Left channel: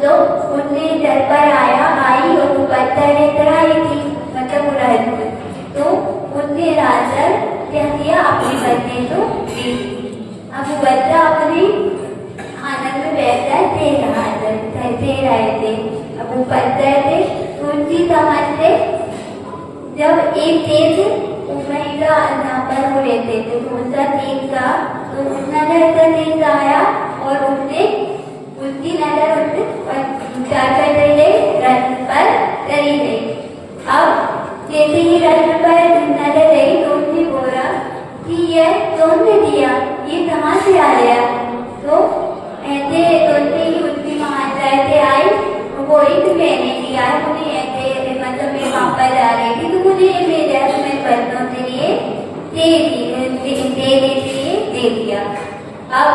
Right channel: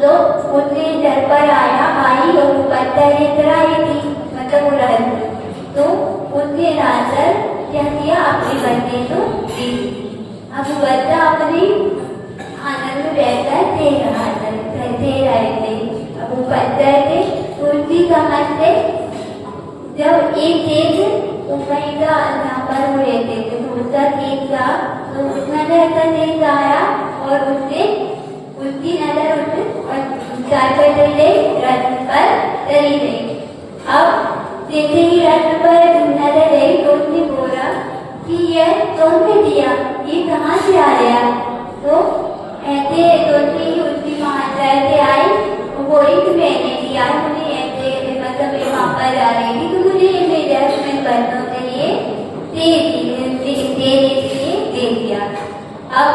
तो उसने घर पर आया, आई और वो पत्थर लेकर आई रही थी, मतलब वो रह तो उसने राजा क्या किया, अपनी बच्चे को दी। अब बच्चा अपने आनंद में बैठा है, दे रहे थे। अब वो पढ़ रहे थे तो उनकी समझ से जब एक तेज महिला यहाँ पर वो रहते थे तो उसका तेज था, तो उस नजर का तेज आया और उसने उसकी नजर रथ पर चली गई। अब जैसे ही रथ पर नजर गई तो उसने बोला कि यह तुमने दिया, ये कहाँ से आ गया? तो ऐसे सोचते ही उसकी माँ से आई, वो एक मैंने दिया है, मुझे ऐसे मतलब मैं वहाँ पर जा रही थी तो मुझे मेरे मैं बच्चों के लिए दे दिया। अब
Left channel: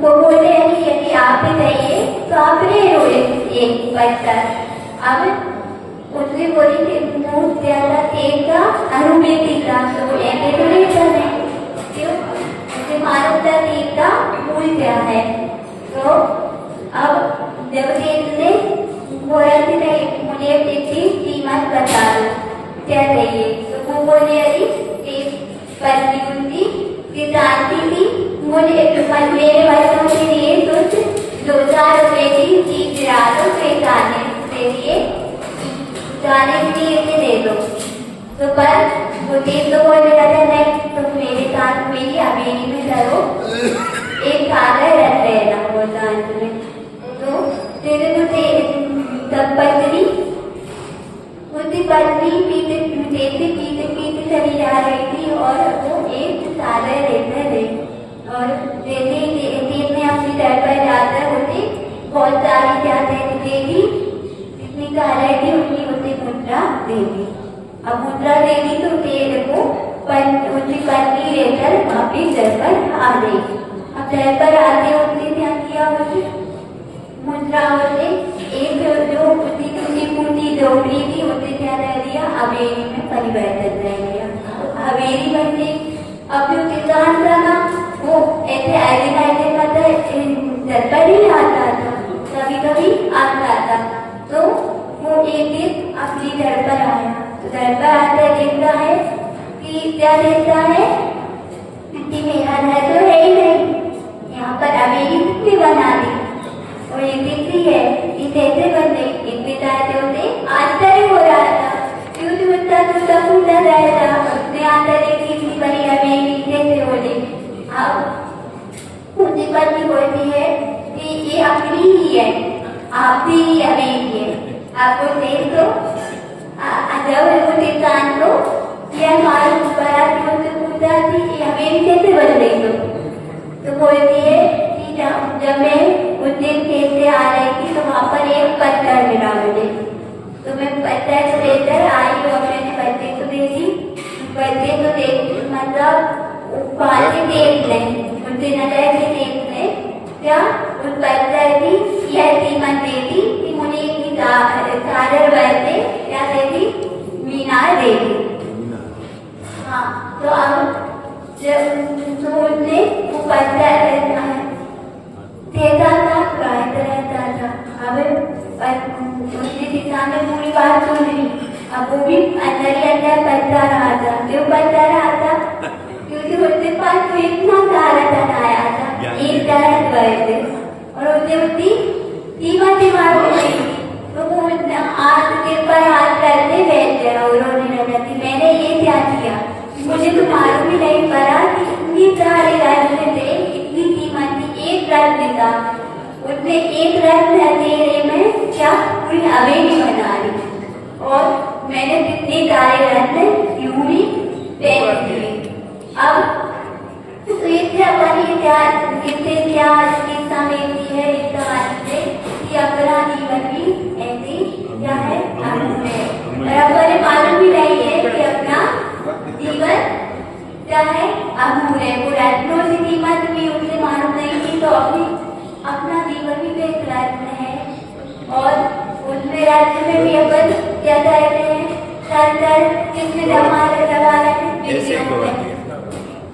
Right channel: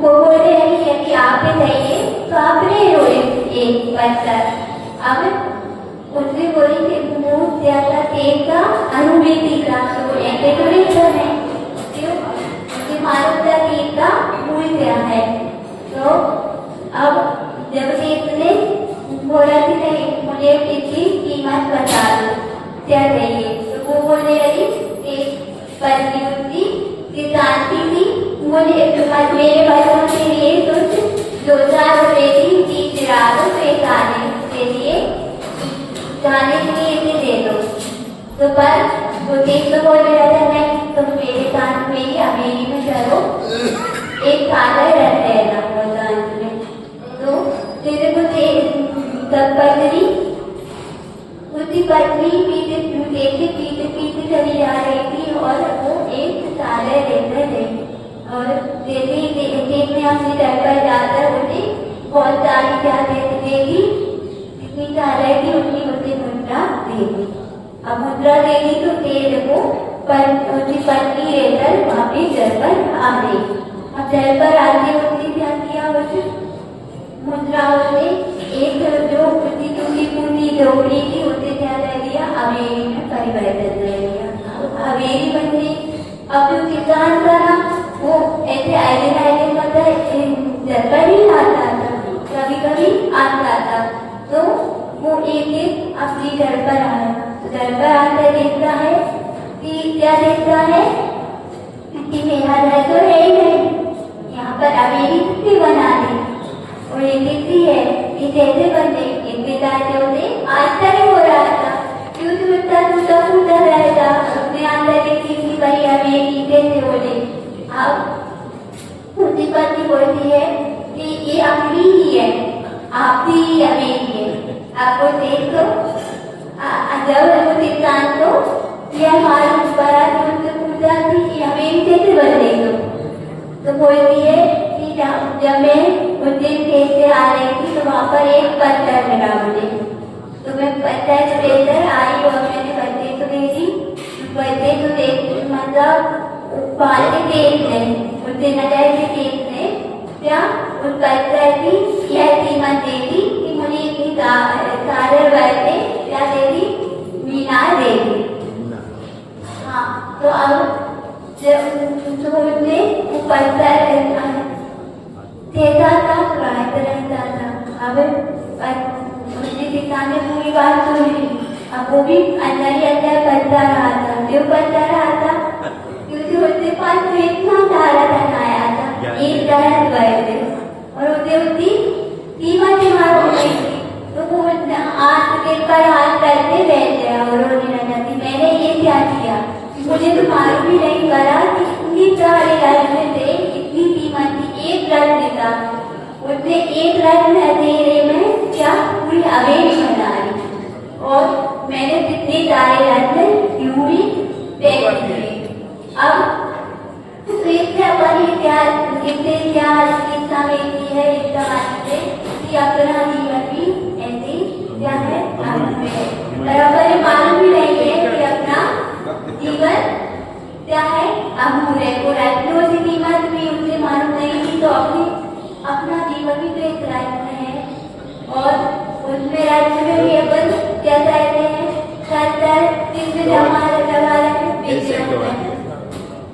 वो बोल रहे हैं कि आप चाहिए तो आपने रोए एक बच्चा। अब उसने बोली कि मुँह ज्यादा एक का अनुमति का, तो ऐसे तो नहीं है क्यों, मालूम था कि इसका मूल क्या है। तो अब जब इसने बोला कि नहीं मुझे इसकी कीमत बता दो क्या चाहिए, तो वो बोले अरे एक पत्नी उनकी जानती थी मुझे मेरे बच्चों के लिए कुछ 2-4 रुपए की चीज ला दो, जाने के लिए दे दो। तो पर वो देख तो बोल रहा था नहीं तुम मेरे साथ मेरी हवेली में चलो, एक कागज रख लेना वो दांत में। तो तेरे को तब पत्नी उसकी पत्नी पीते चली आ रही थी और वो एक कागज लेकर गई और ने अपनी घर पर जाकर उसे बहुत सारी क्या दे दी, जितनी कागज थी उतनी उसे मुद्रा दे दी। अब मुद्रा दे दी तो तेरे को उसकी पत्नी लेकर वापिस घर पर आ गई। अब घर पर आके उसने क्या किया, उसे मुद्रा उसे एक जो उसकी टूटी फूटी झोपड़ी थी उसे क्या ले लिया, हवेली में परिवर्तन ले लिया। हवेली बन गई। अब जो किसान था ना वो ऐसे आगे मतलब घर पर ही आता था, कभी कभी आता था, तो वो एक अपने घर पर आया। तो घर पर आकर देखता है कि क्या देखता है कि मेरा घर तो है ही नहीं, यहाँ पर हवेली किसने बना दी और ये देखती है कि कैसे बन गई। एक बताते उसे आश्चर्य हो रहा था, क्यों टूटा फूटा रहता, उसने आकर देखी कि भाई हवेली कैसे हो गई। अब उसकी पत्नी बोलती है कि ये अपनी ही है, आपकी ही हवेली है, आपको देख दो। जब वो किसान को यह मालूम पड़ा तो उससे पूछा कि हवेली कैसे बन गई, तो बोलती है कि जब मैं उस दिन कैसे आ रही थी तो वहाँ पर एक पत्थर मिला मुझे, तो मैं पत्थर को लेकर आई और मैंने बच्चे को देखी, बच्चे को देख मतलब बाहर से देख लें, उनसे नजर से देख लें क्या उस पत्थर की यह कीमत दे दी कि मुझे इतनी चादर बैठे क्या दे दी, मीनार दे दी। हाँ तो अब जब उसने वो पत्थर कहता था रहता था। अब उसके किसान ने पूरी बात सुनी, अब वो भी अंदर ही अंदर पढ़ता रहा था। क्यों पढ़ता रहा था, क्योंकि उसके पास तो इतना सारा धन आया था, 1,000 रुपए थे और उसे उसकी कीमत ही मालूम नहीं थी। तो वो आज के पर हाथ करते बैठ गया और रोने लगा कि मैंने ये क्या किया, मुझे तो मालूम ही नहीं पड़ा कि इतनी सारे राज्य थे, इतनी कीमत थी, एक राज्य था, उसने एक राज्य अंधेरे में क्या पूरी हवेली बना ली और मैंने कितने सारे राज्य यूं ही बैठ दिए। अब तो इससे हमारी इससे क्या शिक्षा मिलती है, इसका मतलब है कि अपना जीवन भी ऐसे क्या है और अपने मालूम भी नहीं है कि अपना जीवन क्या है अमूल्य है। वो रत्नों की कीमत भी उनसे मालूम नहीं थी, तो अपना जीवन भी तो एक राज्य है और उसमें राज्य में भी अपन क्या कहते हैं जिसमें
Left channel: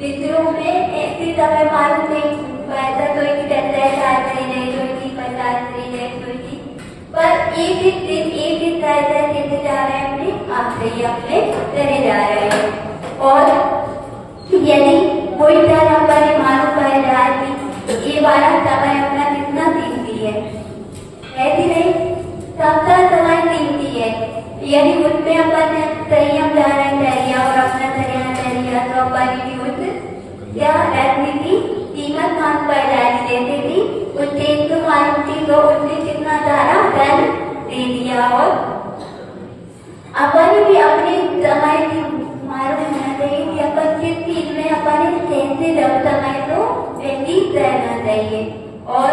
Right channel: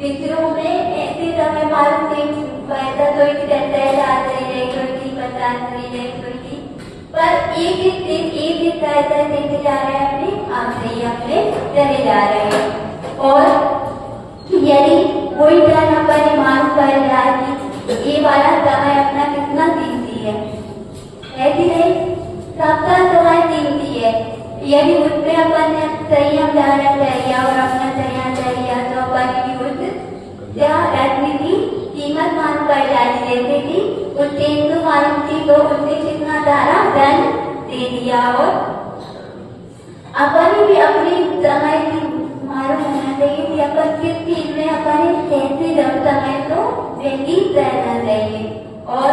पितरों में ऐसे समय मालूम नहीं पड़ता, कोई की 10,000 रही, कोई की 50 रही, कोई की पर एक एक ऐसा देते जा रहे हैं, अपने आप से ही अपने चले जा रहे हैं। और यदि कोई तरह पर मालूम पड़ जाए कि ये वाला समय अपना कितना कीमती है कि नहीं? सबका समय कीमती है। यदि उसमें अपन संयम धारण कर लिया और अपना संयम कर लिया तो अपन की उस क्या रखने की कीमत मालूम पड़ जाएगी। जैसे कि उस तेंदु मालूम थी तो उसने कितना धारा धन दे दिया। और अपन भी अपने समय की मालूम होना चाहिए कि अपन किस चीज में अपन कैसे जब समय को व्यतीत रहना चाहिए। और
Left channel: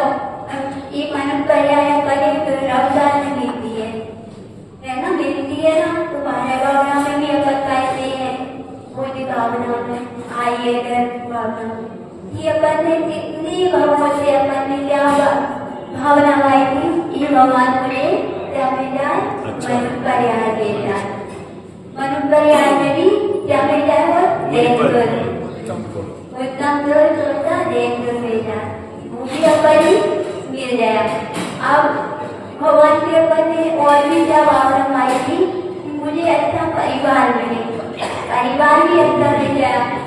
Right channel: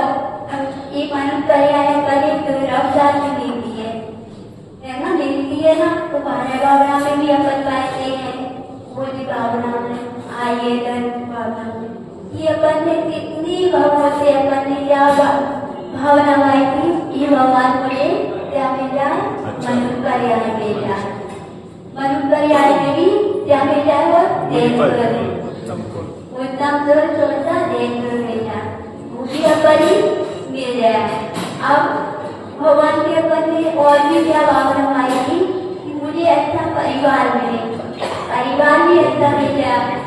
ये मालूम पर्याय अपन एक रफ्तार में मिलती है ना, मिलती है ना। तो बाह्य भावना में भी अपन कहते हैं, बोधि भावना में, आइए भावना में, ये अपन ने कितनी भावों से अपन ने क्या भावना आई थी, ये भगवान मुझे क्या मिल जाए, मनुष्य पर्याय दे जाए। मनुष्य पर्याय में भी क्या मिल जाए, वो देश उत्तम जो सोचा देश मिल जाए, वो भी अपन ही मिल जाए। अब भगवान के अपन ने और भी क्या भावना आई थी कि मुझे अच्छा परिवार मिले, परिवार ही अच्छा मिल जाए।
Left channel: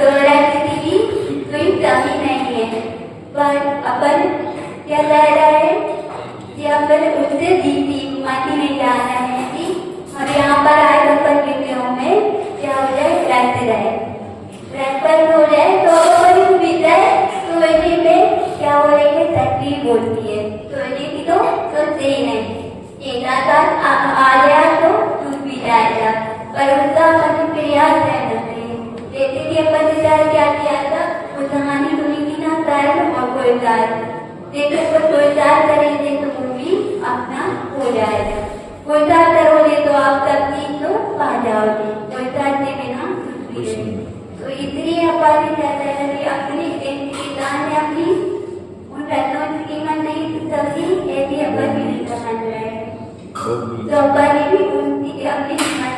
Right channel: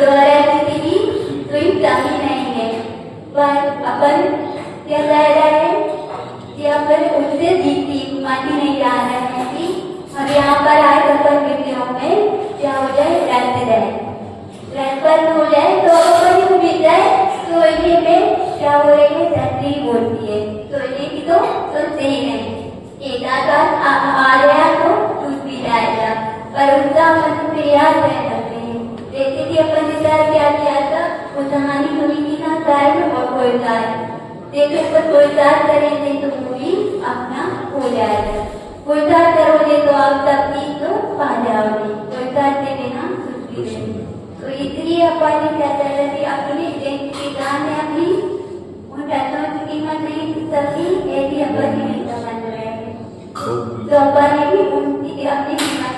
दोबारा स्थिति की कोई कमी नहीं है, पर अपन क्या कह रहे हैं कि अपन उससे जीती मानी नहीं जा रहे हैं कि हम यहाँ पर आए अपन विधियों में क्या हो जाए, रहते रहे रहकर हो जाए तो अपन भी जाए तो इसी में क्या हो रही है, तकलीफ होती है। तो इसी की तो सुनते ही नहीं, एक आ गया तो टूट भी जाएगा, पर उसका अपन प्रयास रहना चाहिए। जैसे कि अपन ने क्या किया था, वो कहानी सुनी थी ना, कर्म और कोलतार। जैसे अपन कोलतार करेंगे तो वो भी अपना हो जाएगा। कोलतार करोगे तो आप तकलीफ तो पा जाओगे, कोलतार के बिना कुछ भी नहीं। तो इसलिए अपन ने कहता है कि अपनी दान है अपनी उन रत्नों की कीमत नहीं सकी, ऐसी अपन भी नहीं समझ रहे हैं। तो अपन भी उनकी अपनी कीमत